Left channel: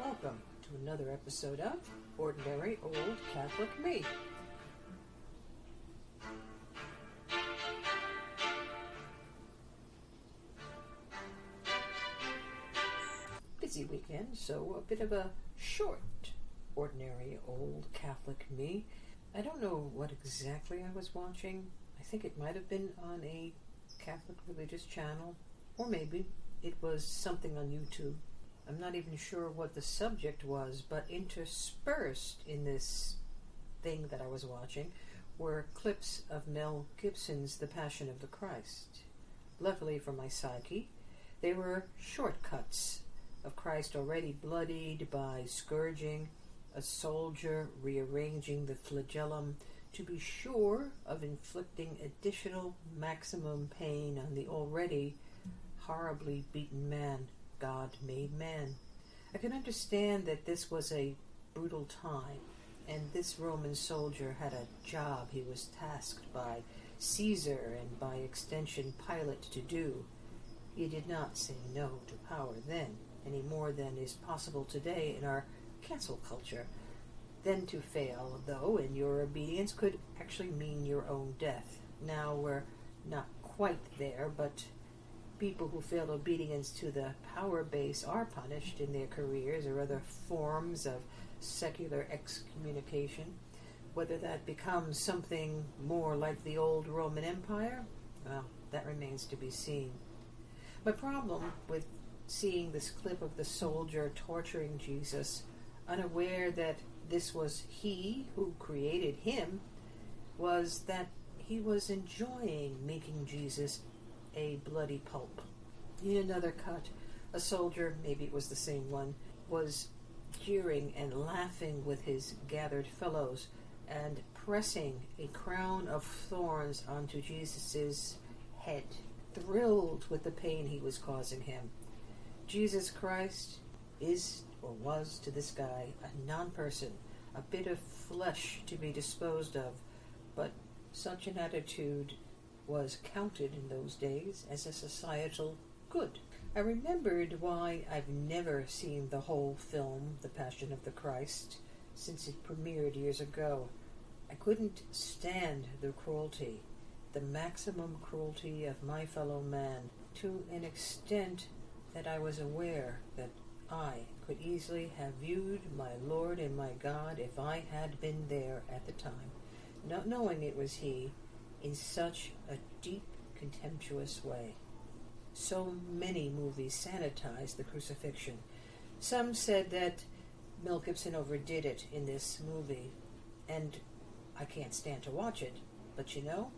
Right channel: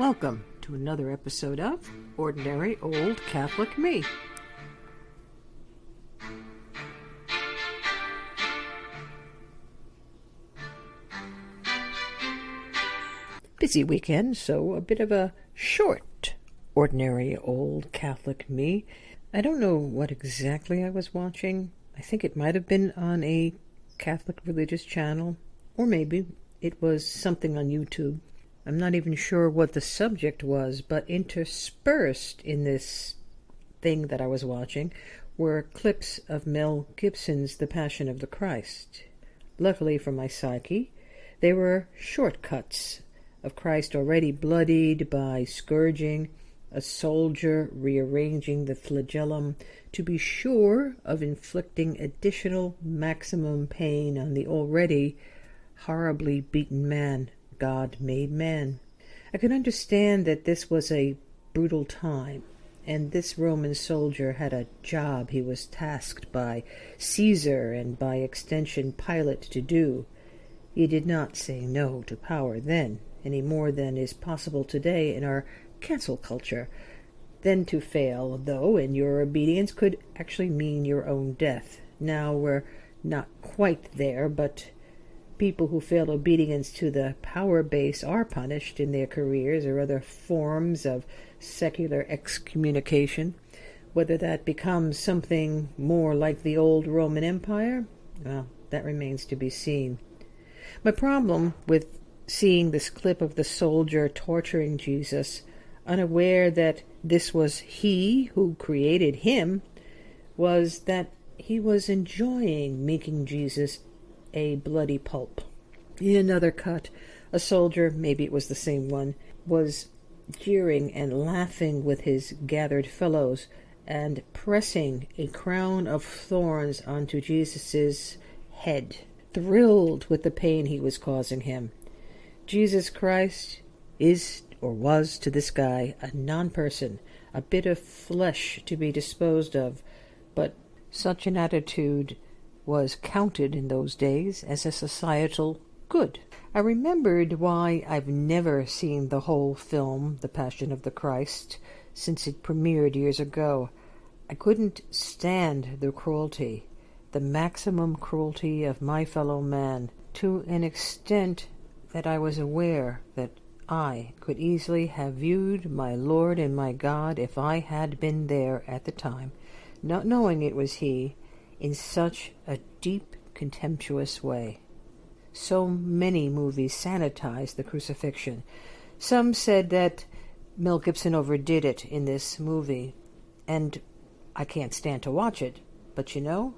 Welcome to another episode of Ordinary Old Catholic Me. Busy weekend, so a bit of a short Ordinary Old Catholic Me. I don't know what exactly I was watching. I think it might have been on a Catholic religious channel, or maybe it was something on YouTube. I'm not even sure what the subject was, but interspersed in this thing that I was watching were clips of Mel Gibson's The Passion of the Christ. Luckily for my psyche, they were shortcuts of Christ already bloodied by scourging, a soldier rearranging the flagellum to be sure of inflicting additional maximum pain on the already horribly beaten man God made man. I could understand that this was a brutal time, and this Roman soldier had a job he was tasked by Caesar and by extension Pilate to do. He did not say no to power then, any more than is possible today in our cancel culture. Then to fail, though, in your obedience could actually mean your own death. Now we're not quite there, but people who fail obedience to the power base are punished in their careers or other forms of secular excommunication. Whether that becomes something more like the old Roman Empire, well, that remains to be seen. My problem with seeing this clip of the soldier torturing Jesus, unaware that this was he who created him, was that he was enjoying making Jesus a bloody pulp. In another cut, a soldier, maybe it was the same one, was jeering and laughing with his gathered fellows and pressing a crown of thorns onto Jesus' head, thrilled with the pain he was causing him. Jesus Christ is, or was to this guy, a non-person, a bit of flesh to be disposed of, but such an attitude was counted in those days as a societal good. I remembered why I've never seen the whole film, The Passion of the Christ, since it premiered years ago. I couldn't stand the cruelty, the maximum cruelty of my fellow man, to an extent that I was aware that I could easily have viewed my Lord and my God if I had been there at the time, not knowing it was he, in such a deep, contemptuous way. So many movies sanitized the crucifixion. Some said that Mel Gibson overdid it in this movie, and I can't stand to watch it, but you know,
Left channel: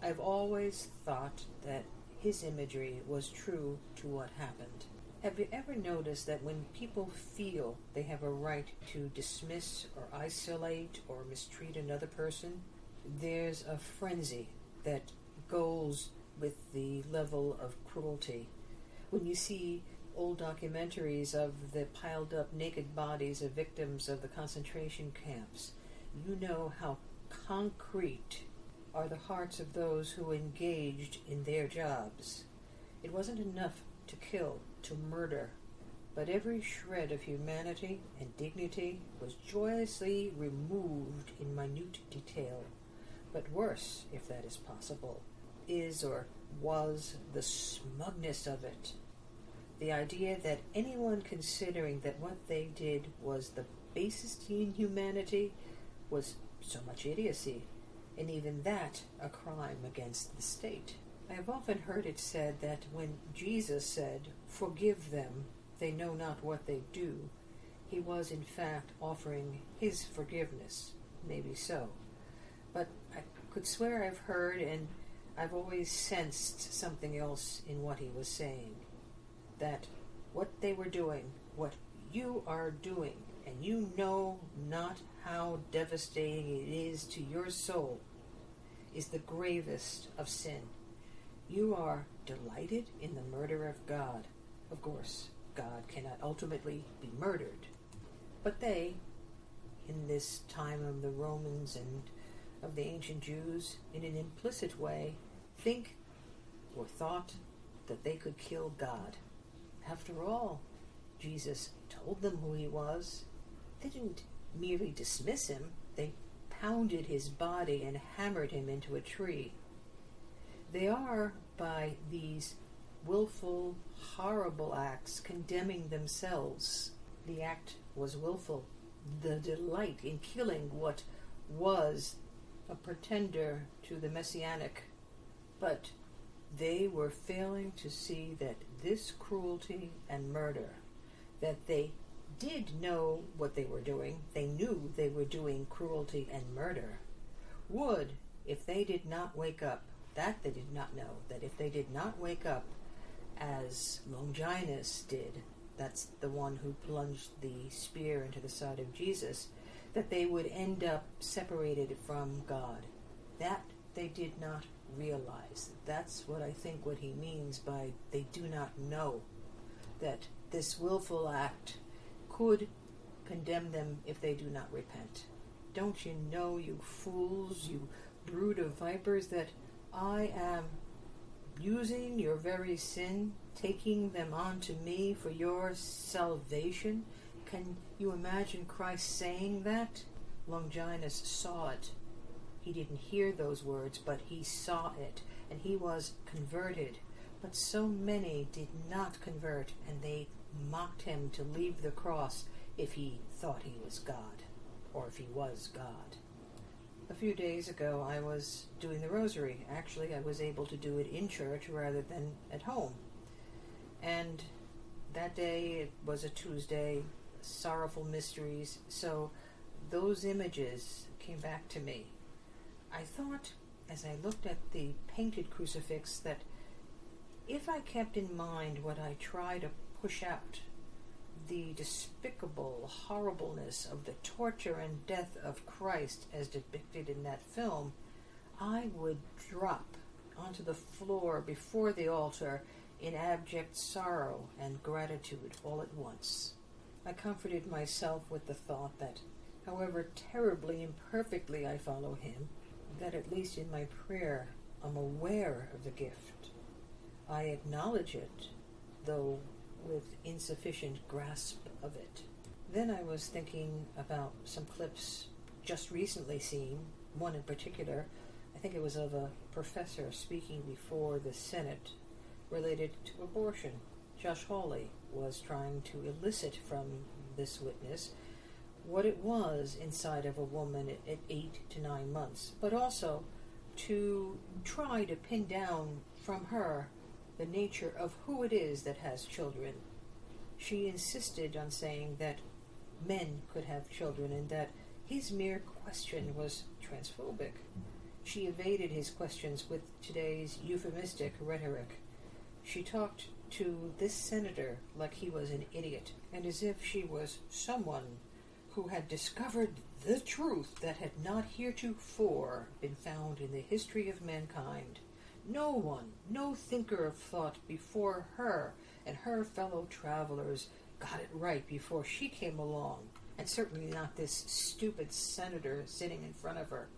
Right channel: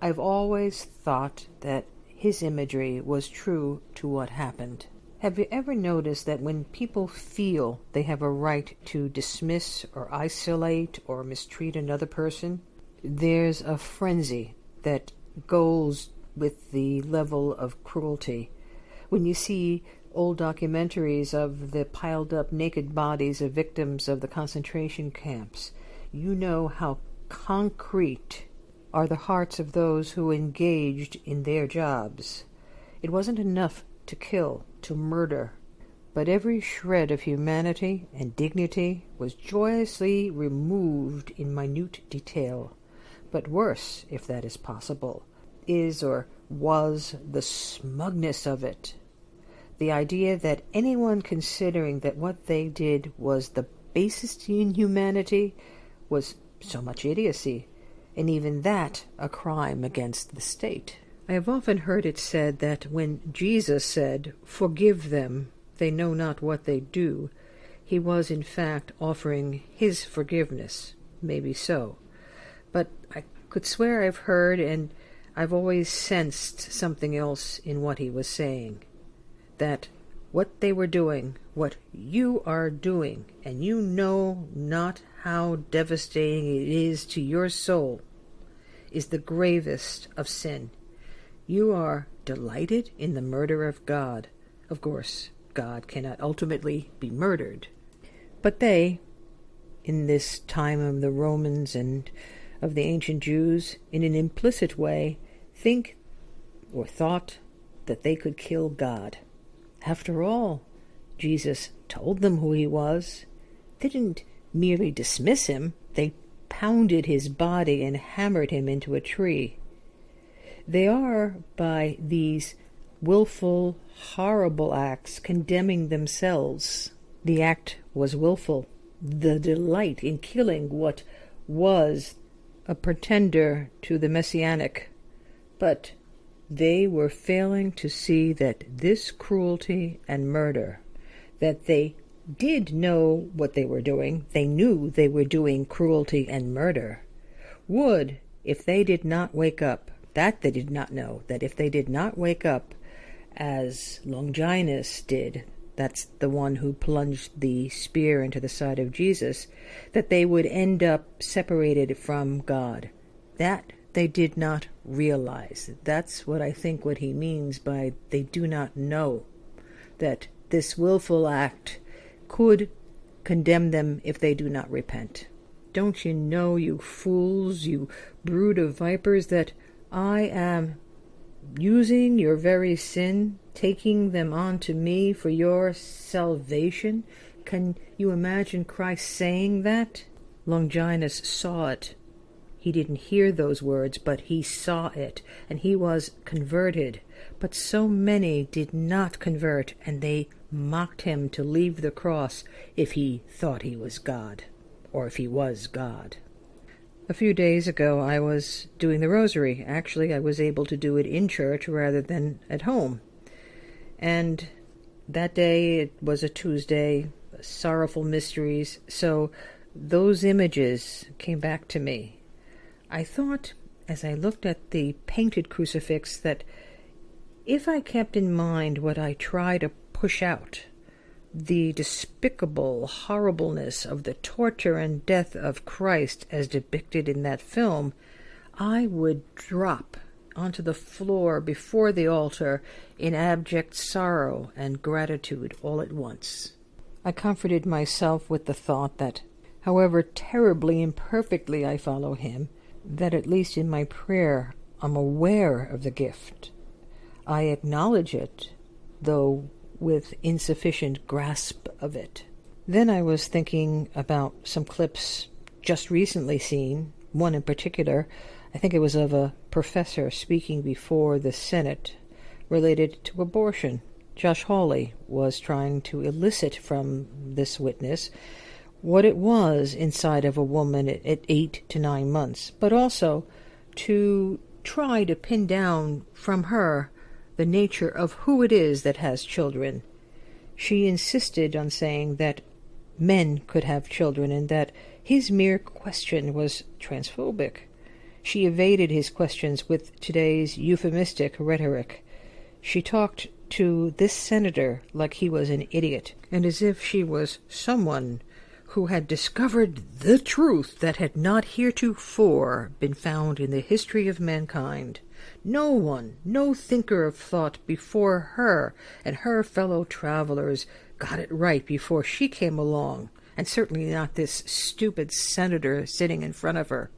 I've always thought that his imagery was true to what happened. Have you ever noticed that when people feel they have a right to dismiss or isolate or mistreat another person, there's a frenzy that goes with the level of cruelty? When you see old documentaries of the piled up naked bodies of victims of the concentration camps, you know how concrete are the hearts of those who engaged in their jobs. It wasn't enough to kill, to murder, but every shred of humanity and dignity was joyously removed in minute detail. But worse, if that is possible, is or was the smugness of it. The idea that anyone considering that what they did was the basest in humanity was so much idiocy, and even that a crime against the state. I have often heard it said that when Jesus said, "Forgive them, they know not what they do," he was in fact offering his forgiveness. Maybe so. But I could swear I've heard, and I've always sensed something else in what he was saying. That what they were doing, what you are doing, and you know not how devastating it is to your soul, is the gravest of sin. You are delighted in the murder of God. Of course, God cannot ultimately be murdered. But they, in this time of the Romans and of the ancient Jews, in an implicit way, think or thought that they could kill God. After all, Jesus told them who he was. They didn't merely dismiss him. They pounded his body and hammered him into a tree. They are, by these willful, horrible acts, condemning themselves. The act was willful. The delight in killing what was a pretender to the messianic. But they were failing to see that this cruelty and murder, that they did know what they were doing, they knew they were doing cruelty and murder, would, if they did not wake up, that they did not know, that if they did not wake up as Longinus did, that's the one who plunged the spear into the side of Jesus, that they would end up separated from God. That they did not realize. That's what I think what he means by they do not know, that this willful act could condemn them if they do not repent. Don't you know, you fools, you brood of vipers, that I am using your very sin, taking them onto me for your salvation? Can you imagine Christ saying that? Longinus saw it. He didn't hear those words, but he saw it, and he was converted. But so many did not convert, and they mocked him to leave the cross if he thought he was God, or if he was God. A few days ago I was doing the rosary. Actually, I was able to do it in church rather than at home. And that day, it was a Tuesday, sorrowful mysteries, so those images came back to me. I thought, as I looked at the painted crucifix, that if I kept in mind what I try to push out, the despicable horribleness of the torture and death of Christ as depicted in that film, I would drop onto the floor before the altar in abject sorrow and gratitude all at once. I comforted myself with the thought that, however terribly imperfectly I follow him, that at least in my prayer I'm aware of the gift. I acknowledge it, though with insufficient grasp of it. Then I was thinking about some clips just recently seen, one in particular. I think it was of a professor speaking before the Senate related to abortion. Josh Hawley was trying to elicit from this witness what it was inside of a woman at 8 to 9 months, but also to try to pin down from her the nature of who it is that has children. She insisted on saying that men could have children and that his mere question was transphobic. She evaded his questions with today's euphemistic rhetoric. She talked to this senator like he was an idiot, and as if she was someone who had discovered the truth that had not heretofore been found in the history of mankind. No one, no thinker of thought before her and her fellow travelers got it right before she came along, and certainly not this stupid senator sitting in front of her.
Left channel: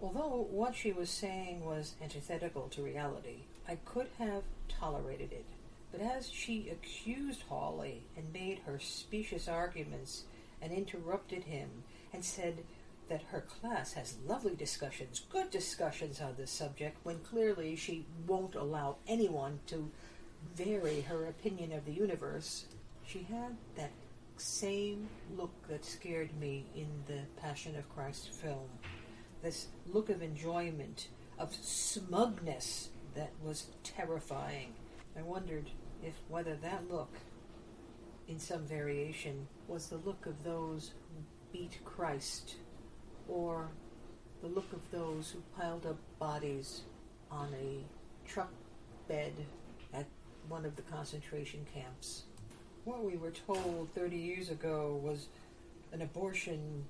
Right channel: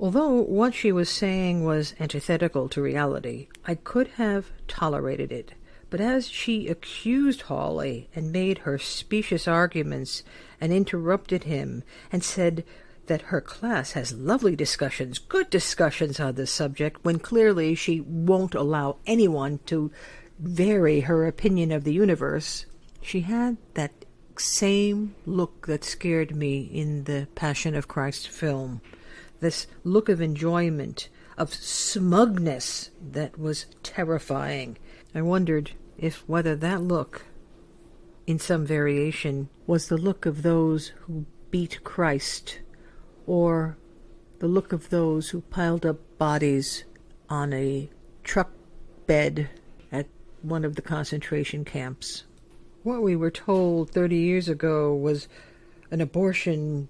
Although what she was saying was antithetical to reality, I could have tolerated it. But as she accused Hawley and made her specious arguments and interrupted him and said that her class has lovely discussions, good discussions on this subject, when clearly she won't allow anyone to vary her opinion of the universe, she had that same look that scared me in the Passion of Christ film. This look of enjoyment, of smugness that was terrifying. I wondered whether that look, in some variation, was the look of those who beat Christ, or the look of those who piled up bodies on a truck bed at one of the concentration camps. What we were told 30 years ago was an abortion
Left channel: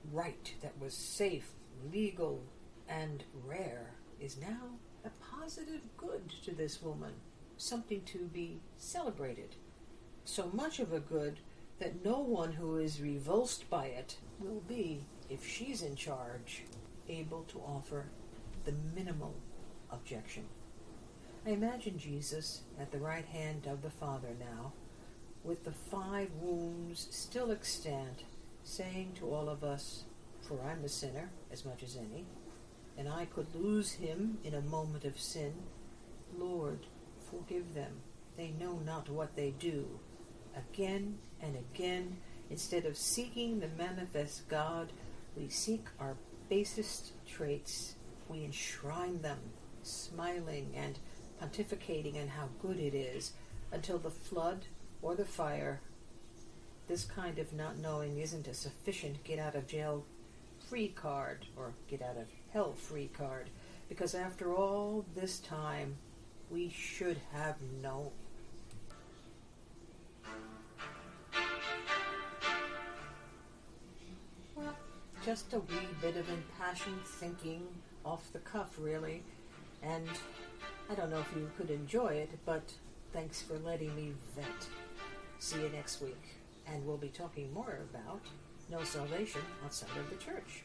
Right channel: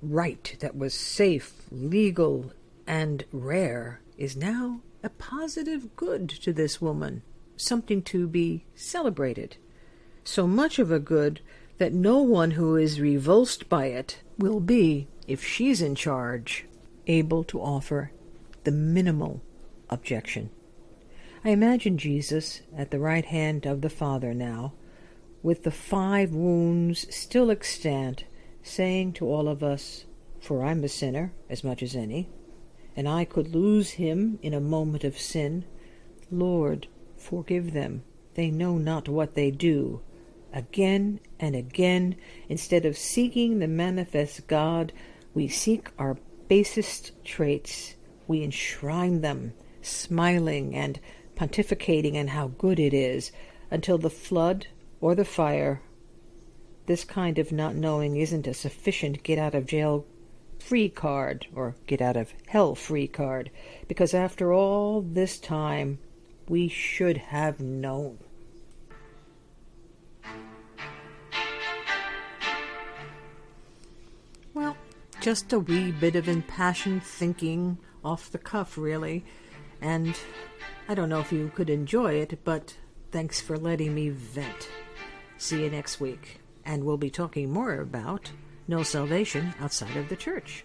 right that was safe, legal, and rare is now a positive good to this woman, something to be celebrated. So much of a good that no one who is revulsed by it will be, if she's in charge, able to offer the minimal objection. I imagine Jesus at the right hand of the Father now, with the 5 wounds still extant, saying to all of us, for I'm a sinner as much as any, and I could lose him in a moment of sin, Lord, forgive them, they know not what they do. Again and again, instead of seeking the manifest God, we seek our basest traits, we enshrine them, smiling and pontificating on how good it is, until the flood or the fire. This kind of not knowing isn't a sufficient get-out-of-jail-free card, or get-out-of-hell-free card, because after all this time, we should have known. Well, just a wee bit of impassioned thinking off the cuff, really, and I don't know if you could enjoy it, but thanks for letting me vent. See you next week, and we'll be talking more about no salvation outside of the church.